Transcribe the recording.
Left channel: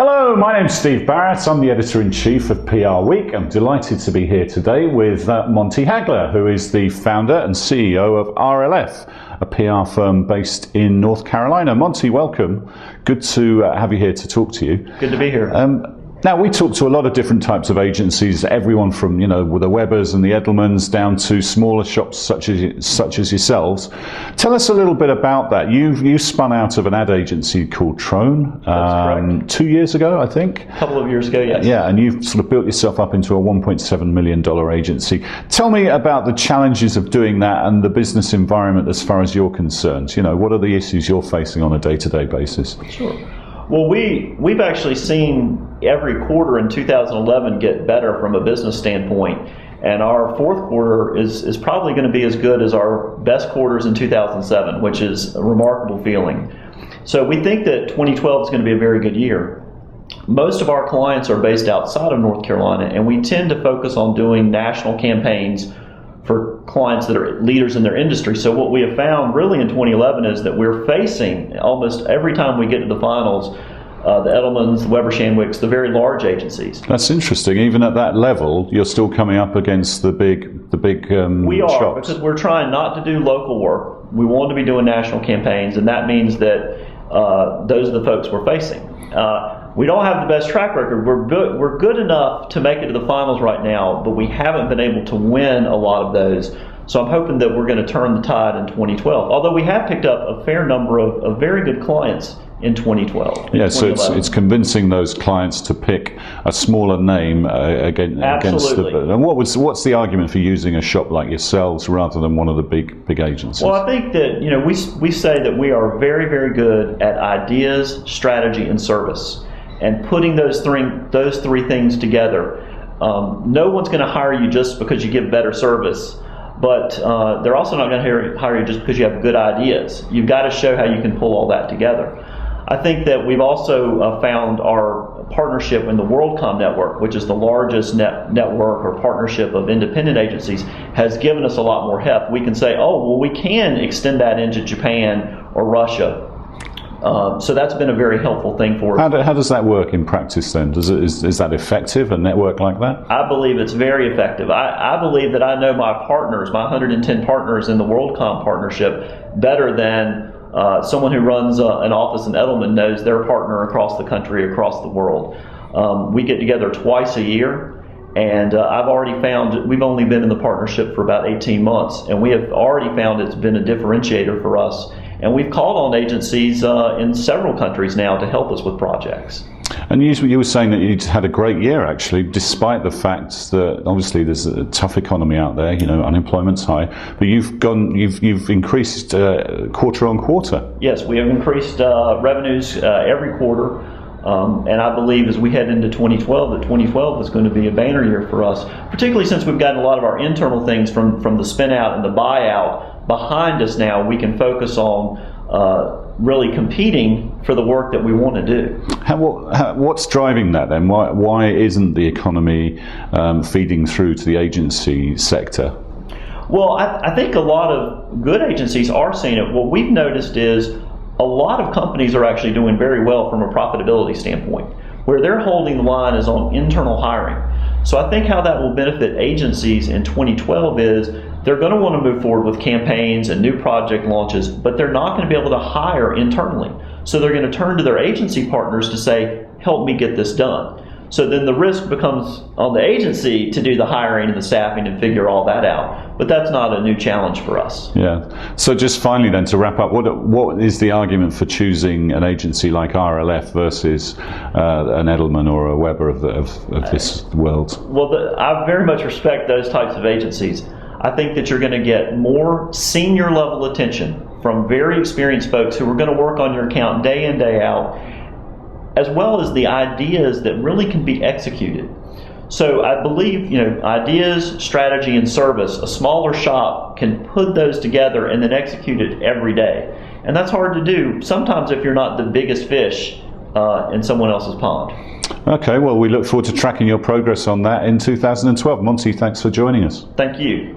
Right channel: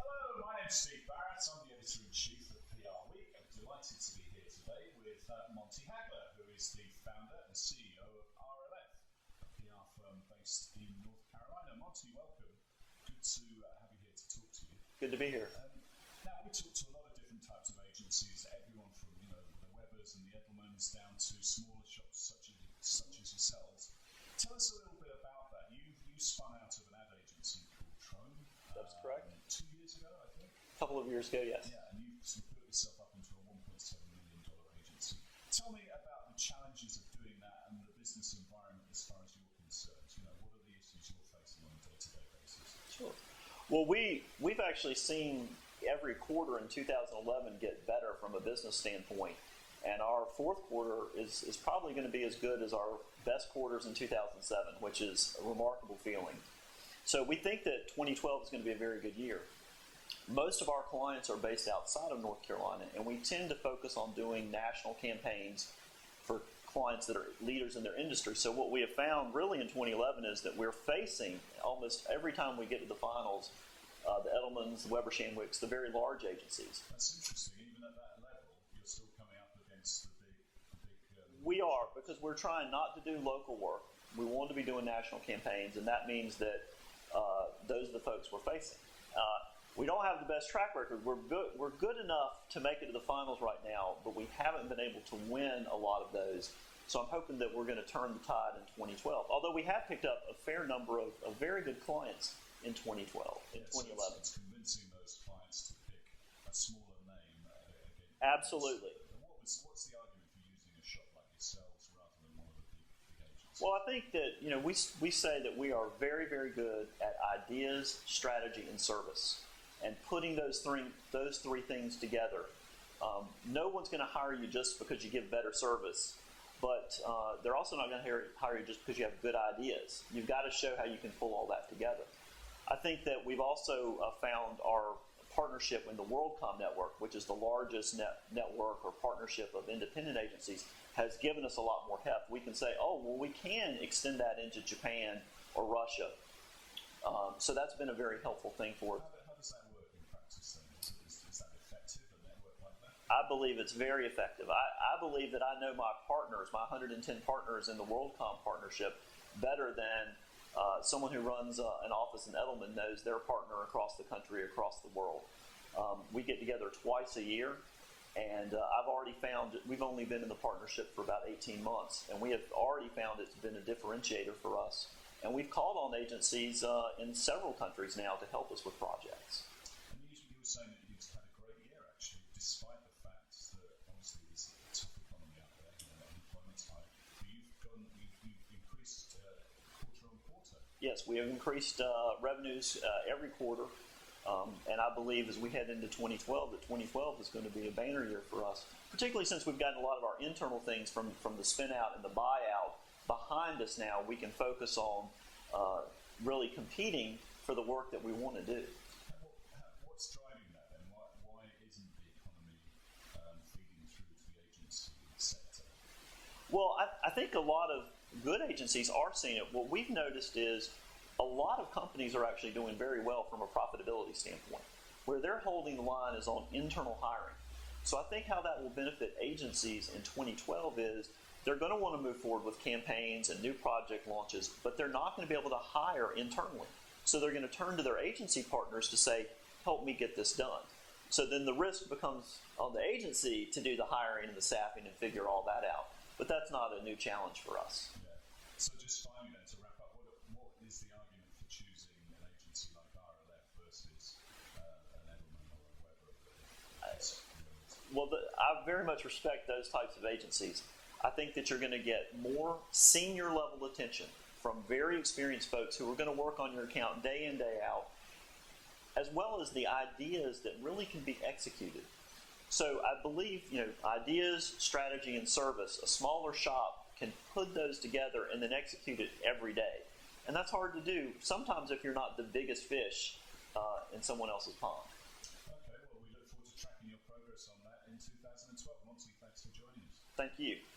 Hello, my name's Steve Barrett. I'm the Editor-in-Chief of PR Week. I'm delighted to be here today with Monty Hagler, who is the founder and CEO of RLF, a PR firm based in North Carolina. Monty, welcome. Good to have you here to talk to you. Good to be here. Now, we talk to a lot of different types of agencies, everyone from, the Webbers and the Edelmans down to smaller shops such as yourselves. Tell us a little bit about that. You spun out of an ad agency called Trone 2 years ago, I think. A couple of years ago, yes. Yeah, and you've sort of built yourself up into a $1.7 million agency. Tell me about the challenges of doing that and the business environment as far as you're concerned. What are the issues you're facing on a day-to-day basis? Sure. Well, we've actually seen every quarter in 2011 get better from a business standpoint, and our fourth quarter is probably going to be as good as our best quarters in 2007, which is a remarkable feeling. So we think that 2012 is going to be a very good year. Most of our clients are based outside of North Carolina, and we tend to focus on doing national campaigns for clients that are leaders in their industry. So what we have found really in 2011 is that we're facing, almost every time we get to the finals, the Edelmans, the Weber Shandwicks, the very large agencies. That's interesting. Even at that level, you're still coming up against the big We are, shops. Because we're trying not to do local work. We want to be doing national campaigns, and that means that those are the folks we're facing. We don't have the best track record. We're good enough to make it to the finals right now, but we haven't been able to win a lot of those. So I'm hoping that we're going to turn the tide in 2012. Although we have picked up a fair number of very good clients in 2012. Yeah, so it's convincing those clients to pick a smaller name against the. And what's the argument for using a shop like yourselves rather than one of the big agencies? Well, I think that we say that we are very, very good at ideas, strategy, and service, and putting those three things together. No one's going to hire you just because you give better service, but they're also not going to hire you just because you have good ideas. You've got to show how you can pull all that together. I think that we've also found our partnership in the WorldCom network, which is the largest network or partnership of independent agencies, has given us a lot more heft. We can say, oh, well, we can extend that into Japan or Russia. So that's been a very helpful thing for us. How does that work in practice then? Is that effective, a network like that? I believe it's very effective. I believe that I know my partners, my 110 partners in the WorldCom partnership, better than someone who runs an office in Edelman knows their partner across the country, across the world. We get together twice a year, and I've already found, we've only been in the partnership for about 18 months, and we have already found it's been a differentiator for us. And we've called on agencies in several countries now to help us with projects. And you were saying that you'd had a great year, actually, despite the fact that obviously there's a tough economy out there. Unemployment's high, but you've increased quarter on quarter. Yes, we have increased revenues every quarter, and I believe as we head into 2012, that 2012 is going to be a banner year for us, particularly since we've gotten a lot of our internal things from the spin out and the buyout behind us now. We can focus on really competing for the work that we want to do. What's driving that then? Why isn't the economy feeding through to the agency sector? Well, I think a lot of good agencies are seeing it. What we've noticed is a lot of companies are actually doing very well from a profitability standpoint. Where they're holding the line is on internal hiring. So I think how that will benefit agencies in 2012 is they're going to want to move forward with campaigns and new project launches, but they're not going to be able to hire internally. So they're going to turn to their agency partners to say, help me get this done. So then the risk becomes on the agency to do the hiring and the staffing and figure all that out. But that's not a new challenge for us. Yeah. So just finally then, to wrap up, what is the argument for choosing an agency like RLF versus an Edelman or a Weber of this world? Well, I very much respect those types of agencies. I think that you're going to get more senior level attention from very experienced folks who are going to work on your account day in, day out, as well as the ideas that really can be executed. So I believe, ideas, strategy, and service, a smaller shop can put those together and then execute it every day. And that's hard to do sometimes if you're not the biggest fish in someone else's pond. Okay, well, we look forward to tracking your progress on that in 2012. Monty, thanks for joining us. Thank you.